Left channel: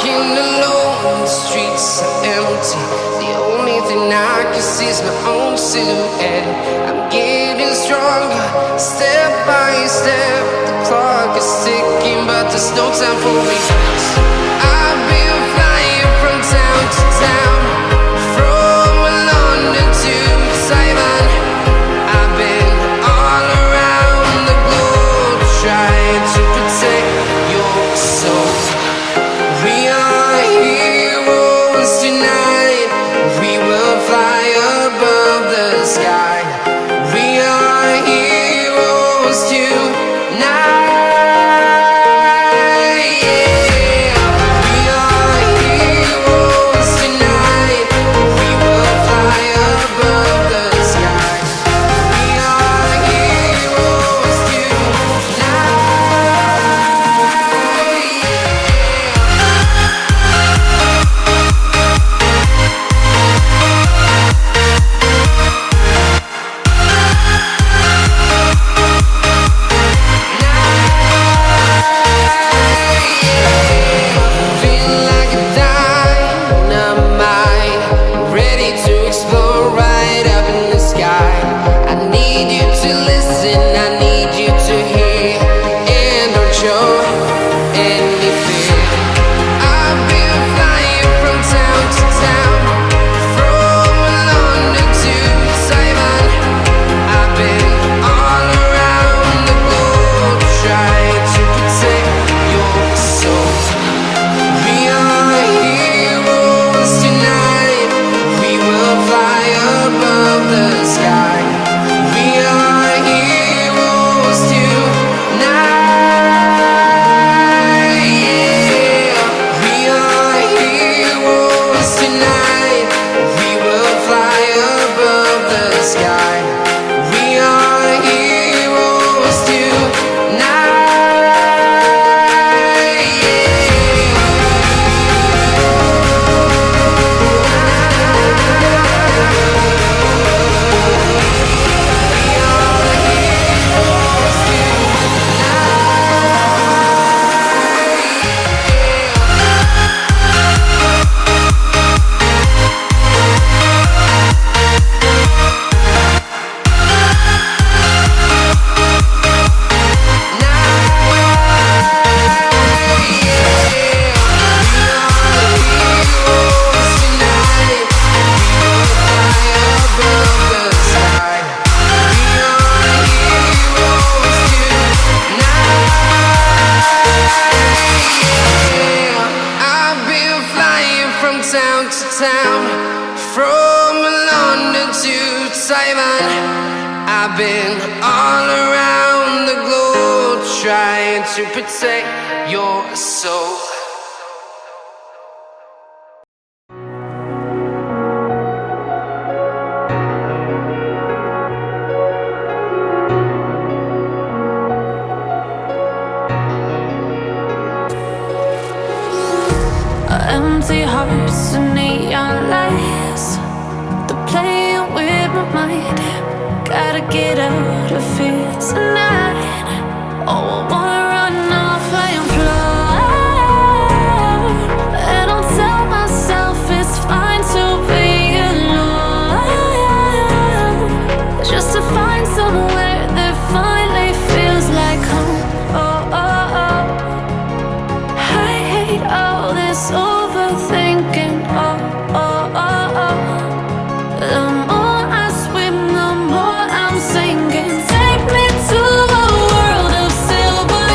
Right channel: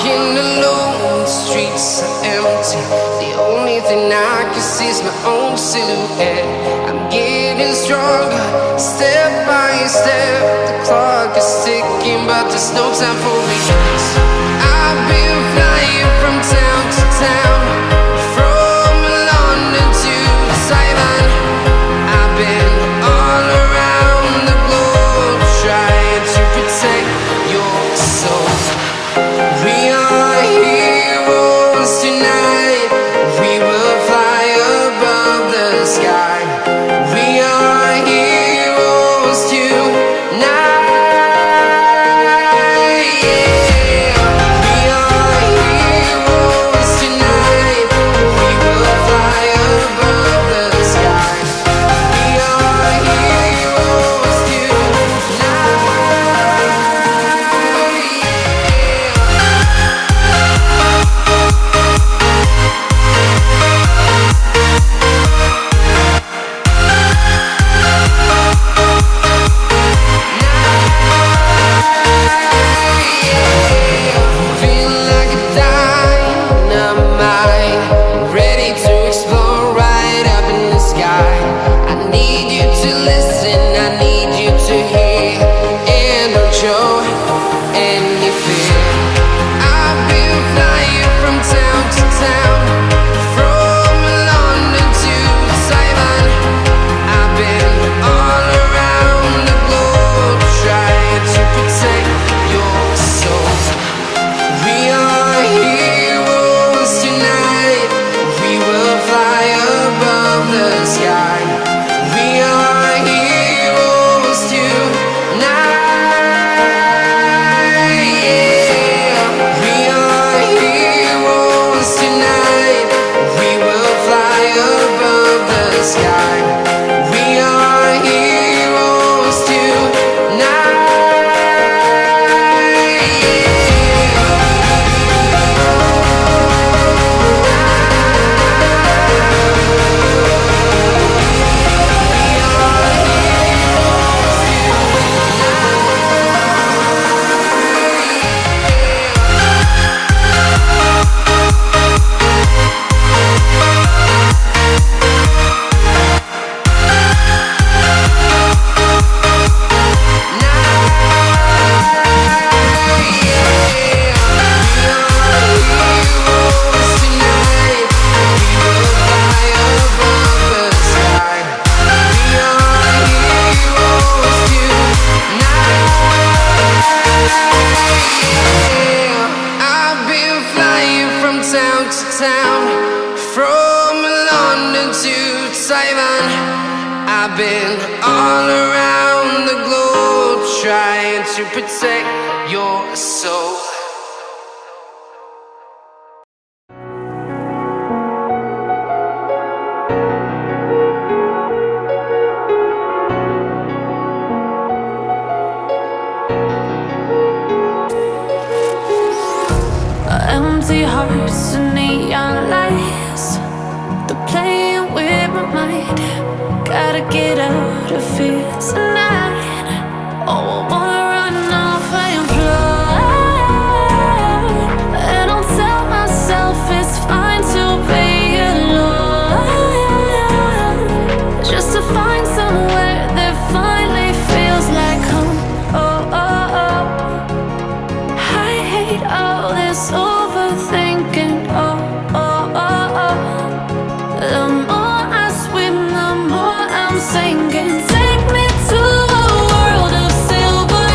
walking alone, the streets are empty. The only thing I can see is my own silhouette. I'm getting stronger, step by step. The clock is ticking, but there's no time for regrets. I've been flying from town to town, from London to Taiwan. I've been all around the globe, trying to protect your soul. We are heroes tonight. We will fly above the sky. We are heroes tonight. Yeah. We are heroes tonight. We will fly above the sky. We are heroes I need you to listen, I need you to hear, and don't show any fear. I've been flying from town to town, from London to Taiwan. I've been all around the globe, trying to protect your soul. We are heroes tonight. We will fly above the sky. We are heroes tonight. Yeah. We are heroes tonight. We will fly above the sky. We are heroes tonight. Town to town, from London to Taiwan. I've been all around the globe, trying to protect your soul. Empty hearts and neon lights, they're playing with my mind. Gotta get out of here tonight. Oh, I wanna run off and fly, and I'll tell myself it's fine to be alone, just to find somewhere that finally feels like home. Oh, oh, oh. I hate all this overthinking. Oh, oh, oh, oh. The more I swim, the more I'm sinking. Take me to a world of silver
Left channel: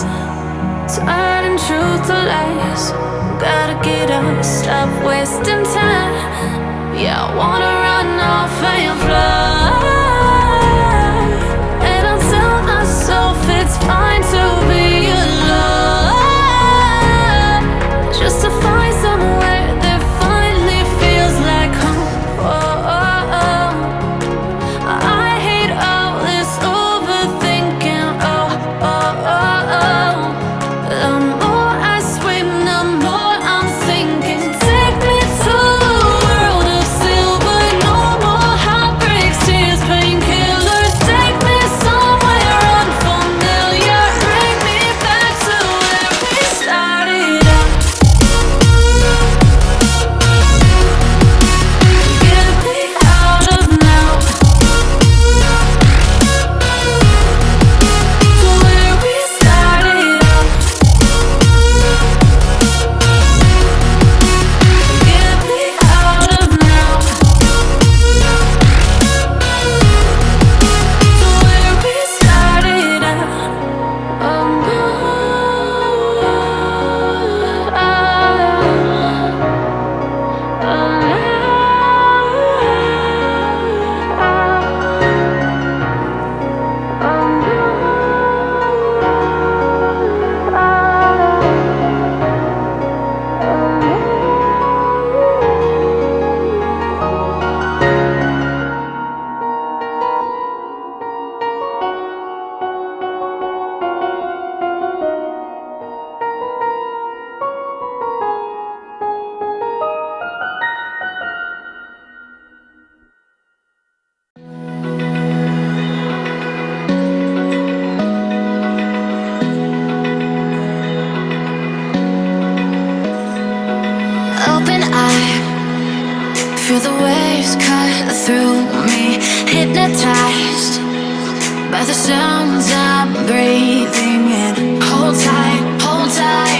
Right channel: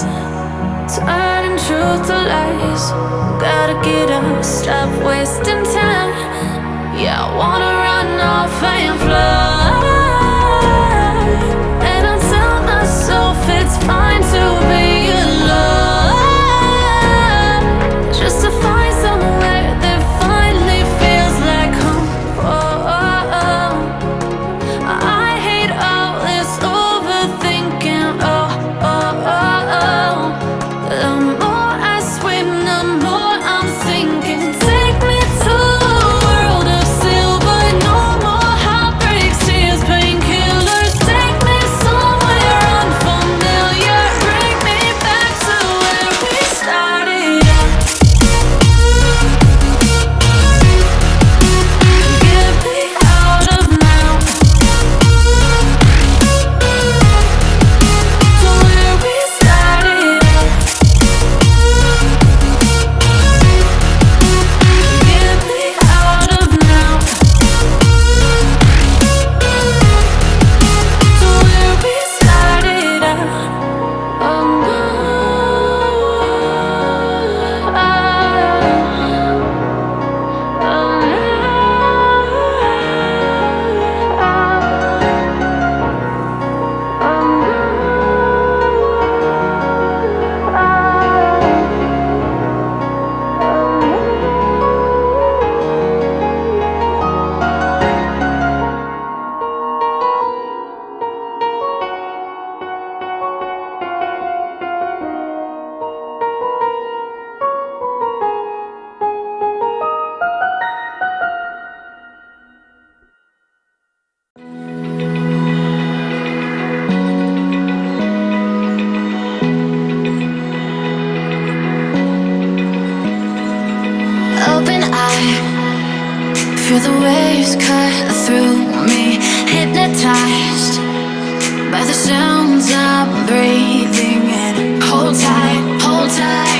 nights, turning truth to lies. Gotta get up, stop wasting time. Yeah, I wanna run off and fly. And I'll tell myself it's fine to be alone, just to find somewhere that finally feels like home. Oh, oh, oh. I hate all this overthinking. Oh, oh, oh, oh. The more I swim, the more I'm sinking. Take me to a world of silver. No more heartbreaks, tears, painkillers. Take me somewhere unfamiliar. Bring me back to where we started out. Get me out of now, to where we started out. Get me out of now, to where we started out. Oh no, oh no. Open eye, feel the waves cut through me. Hypnotized by the sounds I'm breathing in. Hold tight, hold tight.